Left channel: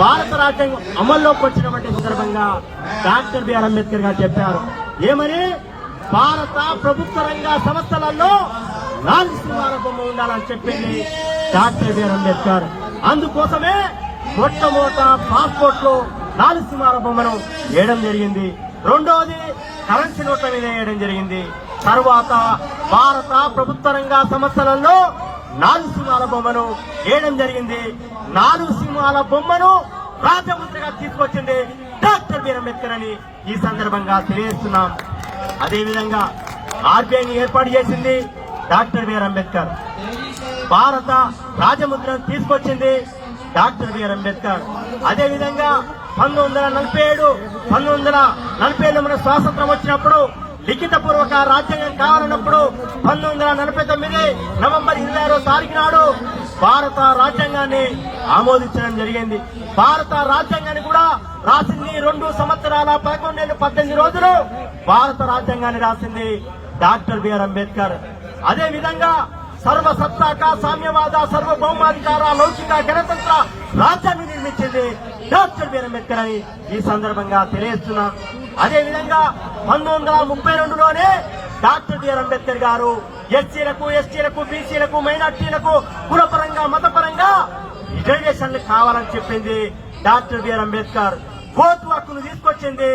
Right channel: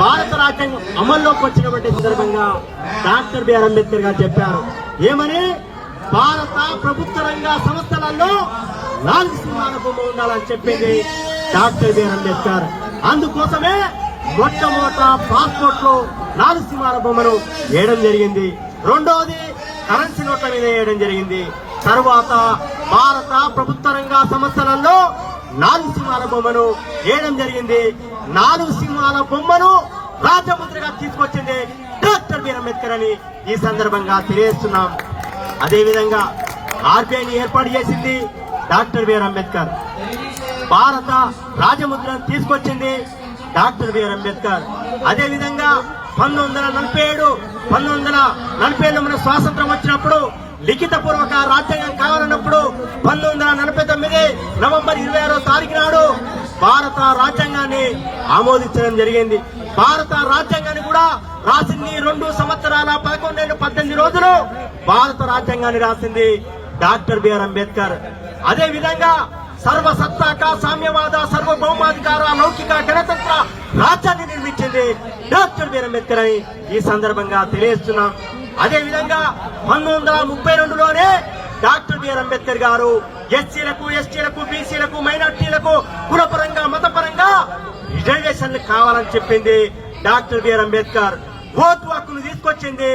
భారత రాజ్యాంగం అమల్లోకి వచ్చినటువంటి సందర్భంగా డాక్టర్ బిఆర్ అంబేద్కర్ గారు చెప్పారు. ఏమని? భారత ప్రభుత్వ రంగ సంస్థలలో నాలుగు సింహాల బొమ్మ ఉండాలని చెప్పింది డాక్టర్ బిఆర్ అంబేద్కర్. అందుకోసమే మొట్టమొదట పాస్పోర్ట్లో నాలుగు సింహాల బొమ్మను వేయడం జరిగింది. రెండవది కరెన్సీ నోట్ల మీద వేయడం జరిగింది. తర్వాత భారత ప్రభుత్వ రంగ సంస్థలలో నాలుగు సింహాల బొమ్మను వేయడం జరిగింది. నాలుగు సింహాల బొమ్మను రాజముద్రగా తీసుకొచ్చింది డాక్టర్ బి అంబేద్కర్ అని ఈ సందర్భంగా తెలియజేస్తున్నాం. అదేవిధంగా ఆర్బీఐని ఏర్పాటు చేసింది డాక్టర్ బిఆర్ అంబేద్కర్. భారత రాజముద్రను తీసుకొచ్చింది డాక్టర్ బిఆర్ అంబేద్కర్. అదేవిధంగా పంతొమ్మిది వందల నలభై ఏడు పంతొమ్మిది వందల నలభై ఏడు మన స్వాతంత్రం వచ్చినప్పుడు లిఖిత పూర్వక రాజ్యాంగం కావాలన్నప్పుడు పంతొమ్మిది వందల నలభై తొమ్మిది నవంబర్ ఇరవై ఆరో తారీఖు నాడు భారత రాజ్యాంగాన్ని ఆమోదించడం జరిగింది. భారత రాజ్యాంగాన్ని కూడా రాసింది రెండు సంవత్సరాల పదకొండేళ్ళు పద్దెనిమిది రోజులు భారత రాజ్యాంగాన్ని రాసింది డాక్టర్ బిఆర్ అంబేద్కర్. అదే విధంగా సర్వసత్తాక సామ్యవాద సర్వభౌమాధికార లౌకిక గణతంత్ర రాజ్యాన్ని నిర్మించింది డాక్టర్ బిఆర్ అంబేద్కర్ అని ఈ సందర్భంగా తెలియజేస్తున్నాం. అదే విధంగా పంతొమ్మిది వందల ముప్పై రెండులోనే డాక్టర్ బిఆర్ అంబేద్కర్ గారు ఎస్సీలకు ఎస్టీలకు బీసీలకు మైనార్టీలకు కులపరంగా మతపరంగా రిజర్వేషన్లు కావాలని చెప్పింది డాక్టర్ బిఆర్ అంబేద్కర్. ఓటు హక్కును తీసుకొచ్చింది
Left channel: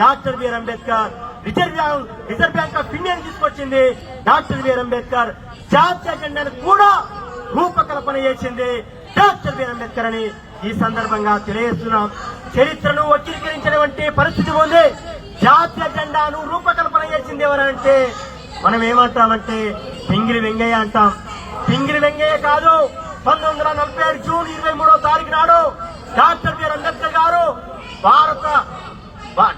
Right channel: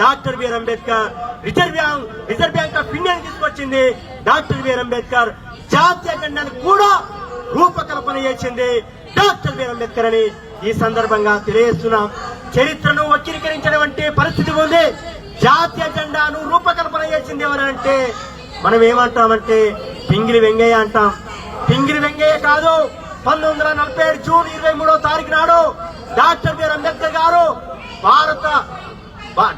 doctor B R Ambedkar. Reserve bank reserve bank of India తీసుకొచ్చింది డాక్టర్ బిఆర్ అంబేద్కర్. జాతీయ జెండాను కూడా రూపకల్పన చేసింది డాక్టర్ బిఆర్ అంబేద్కర్ అని ఈ సందర్భంగా తెలియజేస్తున్నాం. చరిత్రను వక్రీకరించినటువంటి పరిస్థితి ఉంది. జాతీయ జెండాను రూపకల్పన చేసింది ఎవరంటే మనం ఏమంటామంటే పింగిరి వెంగయ్య అంటాం. పింగిరి వెంగయ్య కాదు. పంతొమ్మిది వందల నలభై ఏడు జూన్ ఇరవై మూడో తారీఖు నాడు డాక్టర్ బిఆర్ అంబేద్కర్ గారు భారత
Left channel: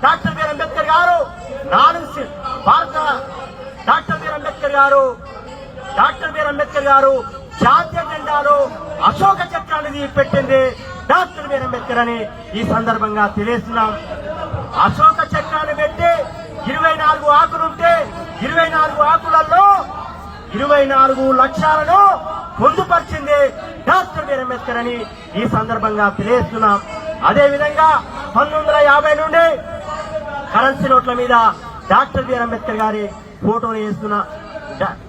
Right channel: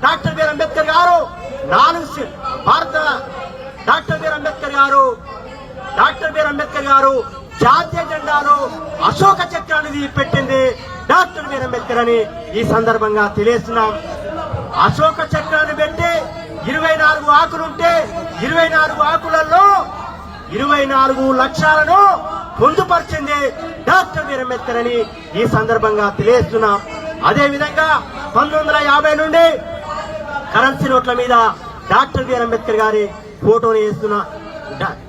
డాక్టర్ బిఆర్ అంబేద్కర్ గారు నాలుగు సి- భారత డాక్టర్ బిఆర్ అంబేద్కర్ గారు డాక్టర్ బిఆర్ అంబేద్కర్ గారు జాతీయ జెండాను అశోక చక్రాన్ని పెట్టింది. డాక్టర్ బిఆర్ అంబేద్కర్ అని ఈ సందర్భంగా తెలియజేస్తున్నాం. అశోక చక్రాన్ని పెట్టి ఇరవై నాలుగు ఆకులుంటే ఇరవై నాలుగు ఆకులలో ఇరవై నాలుగు లక్షలను పొందుపరిచింది డాక్టర్ బిఆర్ అంబేద్కర్ అని ఈ సందర్భంగా తెలియజేస్తున్నాం. అదేవిధంగా పంతొమ్మిది వందల యాభై నుండి కరెన్సీ నోట్ల మీద డాక్టర్ బిఆర్ అంబేద్కర్ గారి ఫోటోని వేస్తున్న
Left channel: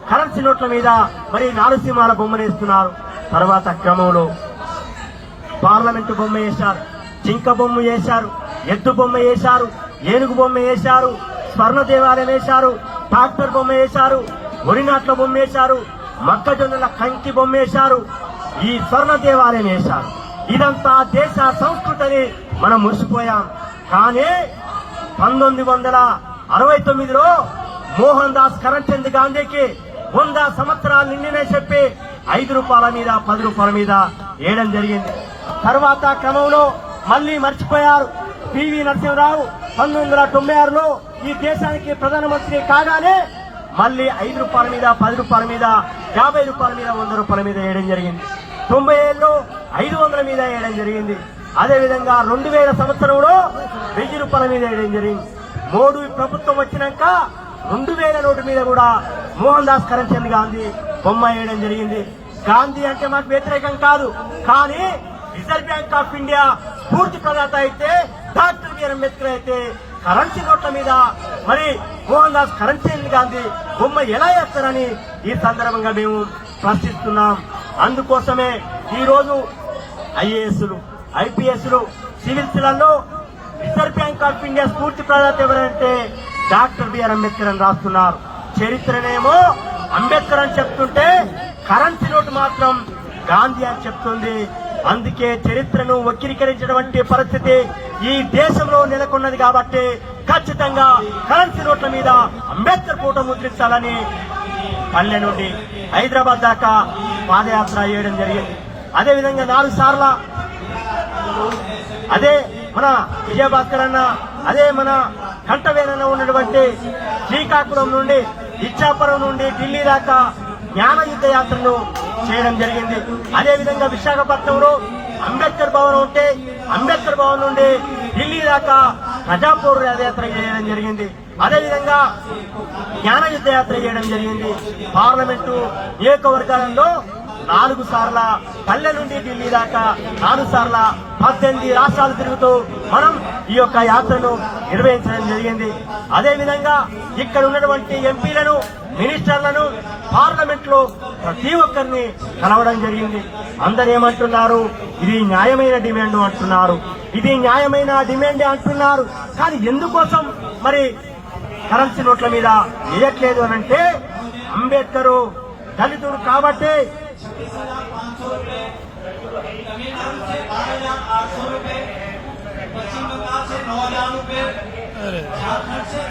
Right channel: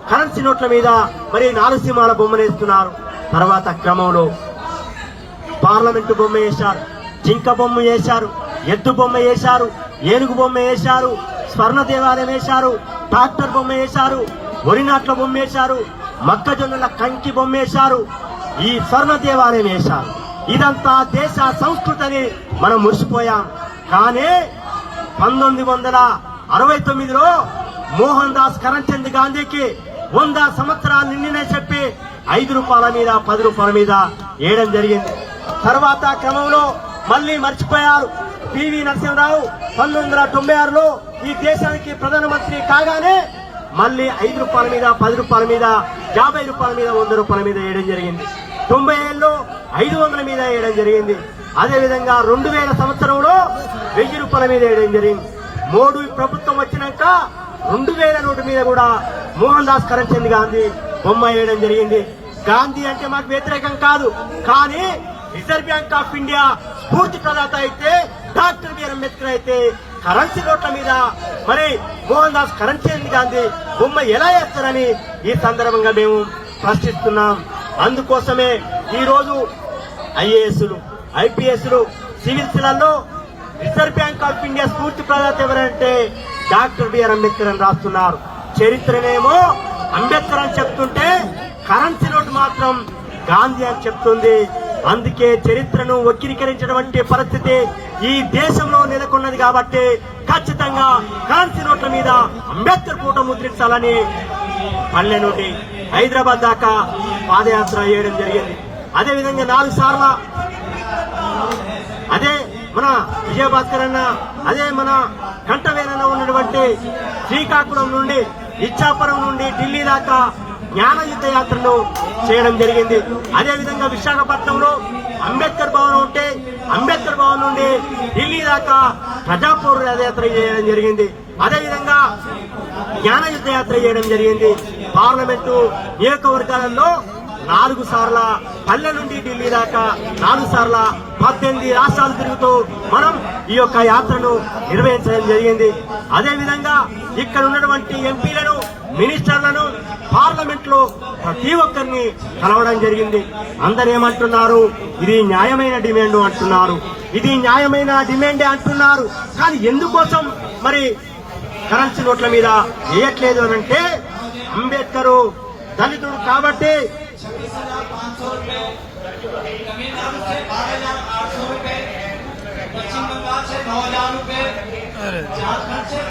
కరెన్సీ నోట్ల మీద మరి నారసింహాల బొమ్మను వేస్తున్నారు. తర్వాత క్రమంలో పార్లమెంటు బొమ్మ వేశారు. జింక బొమ్మ వేశారు. ఎద్దు బొమ్మ వేశారు. ఏనుగు బొమ్మ వేశారు. స్వర్ణ దేవాలయం వేశారు. ట్రాక్టర్ బొమ్మ వేశారు. ఒరినాట్ల బొమ్మ వేశారు. మొక్కజొన్నల కంకి బొమ్మ వేశారు. ఈ స్వర్ణ దేవాలయం వేశారు. ఇదంతా దేశ సంస్కృతిని మనం మురిసిపోయాం. కానీ పంతొమ్మిది వందల అరవై తొమ్మిదిలో మోహన్ దాస్ కరణ్చంద్ గాంధీకి వంద సంవత్సరాలు నిండినే చెప్పి ఐదు రూపాయల మీద పది రూపాయల మీద వేయడం జరిగింది. తర్వాత క్రమంలో మళ్ళీ మర్చిపోయారు. పివి నరసింహరావు పంతొమ్మిది వందల తొంభై ఆరులో ఈ దేశానికి ప్రధానమంత్రి కాగానే మళ్ళీ ఐదు రూపాయల మీద పది రూపాయల మీద యాభై రూపాయల మీద వంద రూపాయల మీద వేయడం జరిగింది. తొంభై ఏళ్ళు ఐదు వందల మీద వేయడం జరిగింది. అదేవిధంగా రెండు వేల సంవత్సరంలో వెయ్యి రూపాయల మీద వేయడం జరిగింది. మోడీ ప్రభుత్వం వచ్చినాక రెండు వేల నోటు మీద కూడా మోహన్ దాస్ కరంచంద్ గాంధీ బొమ్మ వేయడం జరిగింది. గాంధీ అంటే మాకు వ్యతిరేకం కాదు. కానీ రిజర్వ్ బ్యాంక్ ఆఫ్ ఇండియా స్ఫూర్తి ప్రదాత అయితే డాక్టర్ బిఆర్ అంబేద్కర్ అయితే కరెన్సీ నోట్ల మీద మరి మోహన్ దాస్ కరెన్సీ గాంధీ బొమ్మ ఎలా వేస్తారని ఈ సందర్భంగా మేము ప్రశ్నిస్తున్నాం. అందుకోసమే ఈ రోజు ఐఏఎస్లు ఐపీఎస్లు సివిల్స్లలో రిజర్వ్ బ్యాంక్ ఆఫ్ ఇండియా స్ఫూర్తి ప్రదాత ఎవరంటే డాక్టర్ బిఆర్ అంబేద్కర్ అని రాస్తున్నారు. చరిత్రనేమో అంబేద్కర్ అని చెప్తుంటే కరెన్సీ నోట్ మాత్రం గాంధీ అని చెప్తుంది. అందుకే చరిత్రను వక్రీకరించినటువంటి పరిస్థితి ఈ దేశంలో నెలకొన్నది కాబట్టి ఖచ్చితంగా కరెన్సీ నోట్ల మీద అంబేద్కర్ కూట ముద్రించాలని పల్లె నుండి హైదరాబాద్ దాకా పాదయాత్ర చేయడం జరిగింది. అదేవిధంగా నాలుగు సార్ల అదే మన విజయభాస్కర్ అన్న అదే మన కంఠవేదన ఉన్నటువంటి శ్రీకాకుళం నుండి ఇచ్చాపురం నుండి ఢిల్లీ దాకా జ్ఞాన యుద్ధ యాత్రను చేయడం జరిగింది. అదే విధంగా విశాఖపట్నంలో అంబేద్కర్ భవన్ ఉంటే అంబేద్కర్ భవన్ నుండి ఢిల్లీ దాకా ప్రజాపూర్ యాత్ర చేయడం జరిగింది. అదే విధంగా జ్ఞాన యుద్ధ యాత్ర చేయడం జరిగింది. పార్లమెంటు నియోజకవర్గాలలో నాలుగు సార్ల పల్లె నుండి ఢిల్లీ దాకా నాలుగు సార్ల పద్దెనిమిది రాష్ట్రాలు తిరుగుతూ మనం ఈ యొక్క యాత్రను నిర్వహించడం జరిగింది. అదే విధంగా ఇక్కడ ఉన్నటువంటి ఎంపీలను మినిస్టర్లను పార్లమెంట్లో ప్రతి ఒక్కరిని కలవడం జరిగింది. అందరు ఏమంటున్నారు? ఇది న్యాయమైన డిమాండ్ అంటున్నారు. ఇది న్యాయమైన డిమాండే అంటున్నారు. కానీ ఎందుకోసం మరి కరెన్సీ నోట్ల మీద వేయట్లేదు అని అంటే అంబేద్కర్ దళితుడు కాబట్టి तमिलनाडु से बारह हजार आठ सौ रूपए पश्चिम बंगाल से नौ हजार रूपए झारखंड से